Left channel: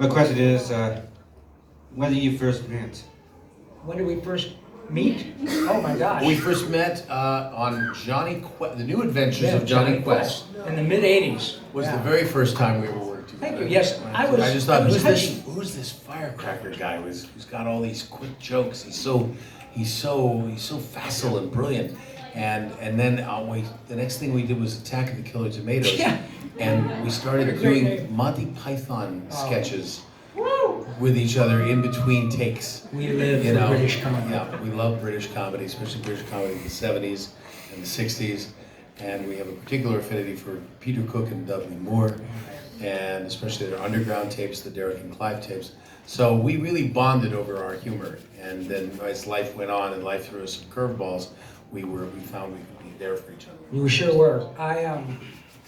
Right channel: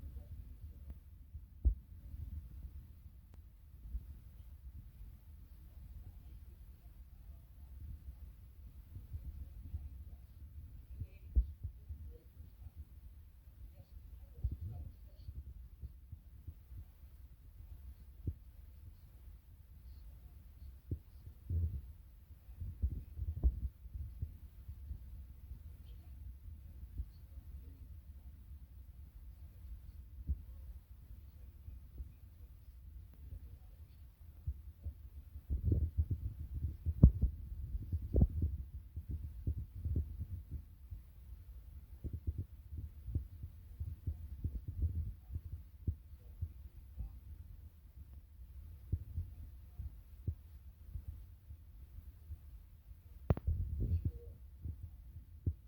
My question is, when did you first meet? When did we first meet? Oh my gosh. We first met on The New Adventures of Johnny Quest. In the mid-'80s. Was the very first time we ever worked together. Thank you. Yes, I just thought, was who's this firecracker guy who's got all these quick jokes? He's so facile and brilliant. And then the next thing we did was Attack of the Killer Tomatoes. Yeah. And we started doing Monty Python sketches with each other in between takes. We live for British comedy. Yeah, we love British comedy, especially British comedy in the 70s and the 60s. And we have a particular affinity for Peter Cook and Dudley Moore, and especially their underground tapes, the Derek and Clive tapes. So we really bonded over our humor. And then as life went on and life threw us some curveballs, we found we could be there for each other. You sure were.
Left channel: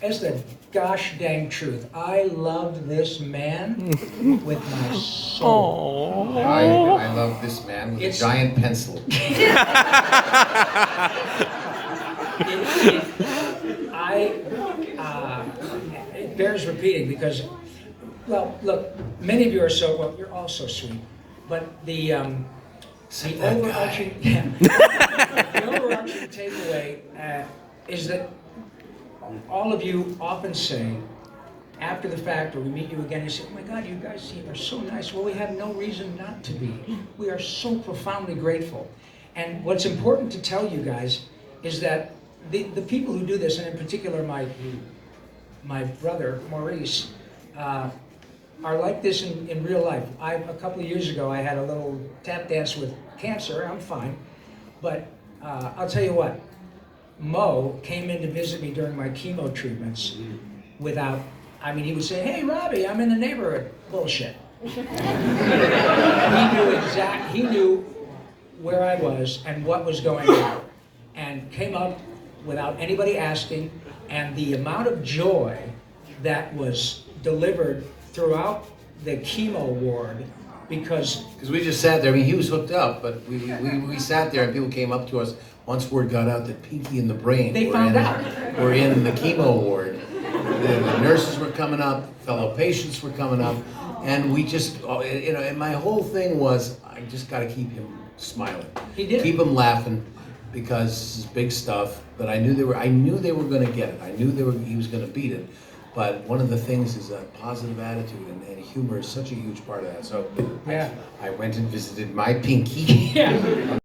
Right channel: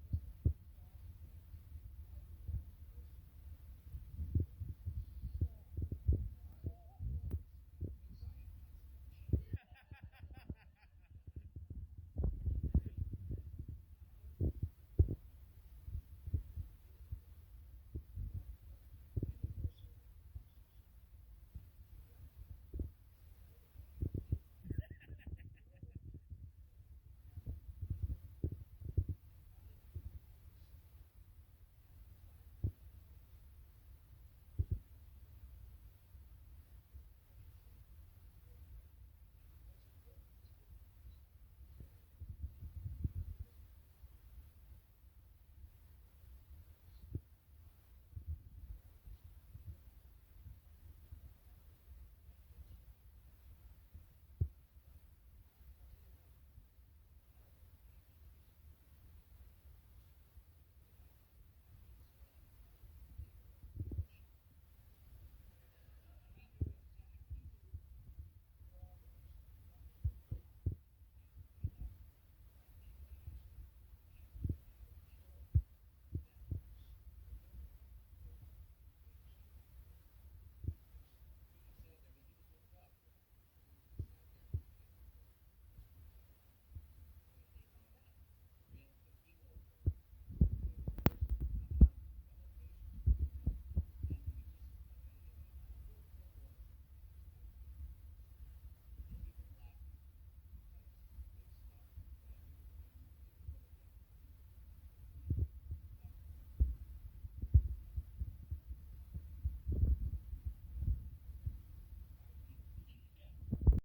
It's the gosh dang truth. I loved this man with my soul. I love this man with a giant pencil. It bears repeating because, well, look, many of you are you're all so sweet, but the overarching takeaway is that all of you often say, after the fact, or we meet you again, you say, oh my God, you guys are so nice. Well, we have no reason not to be. We are so profoundly grateful. And what's important to tell you guys is that the people who do this, and in particular my brother, Maurice, are like this in real life. A couple of years ago, I had a little tap dance with cancer. I'm fine. But I'll tell you what, Mo came in to visit me during my chemo treatments he would say, hey, Robbie, I'm in the neighborhood. Bullshit. He knew where I was and what was going on, and came up without anybody asking, and the amount of joy that was delivered throughout the chemo ward, because we just sat there. I mean, he was hooked up, but we sat there and people came up to us. Once word got out that Pinky and the Brain were in the chemo ward, the nurses were coming up, fellow patients were coming up, and we just, and my whole thing was, I just got to keep him smiling. He did. Keep him laughing, because this is big stuff. But I knew they were going to get it. I knew he was going to beat it. But one of the things is a positive attitude, and humor is such a huge part of that. So yeah. I went and visited my Pinky. Yeah.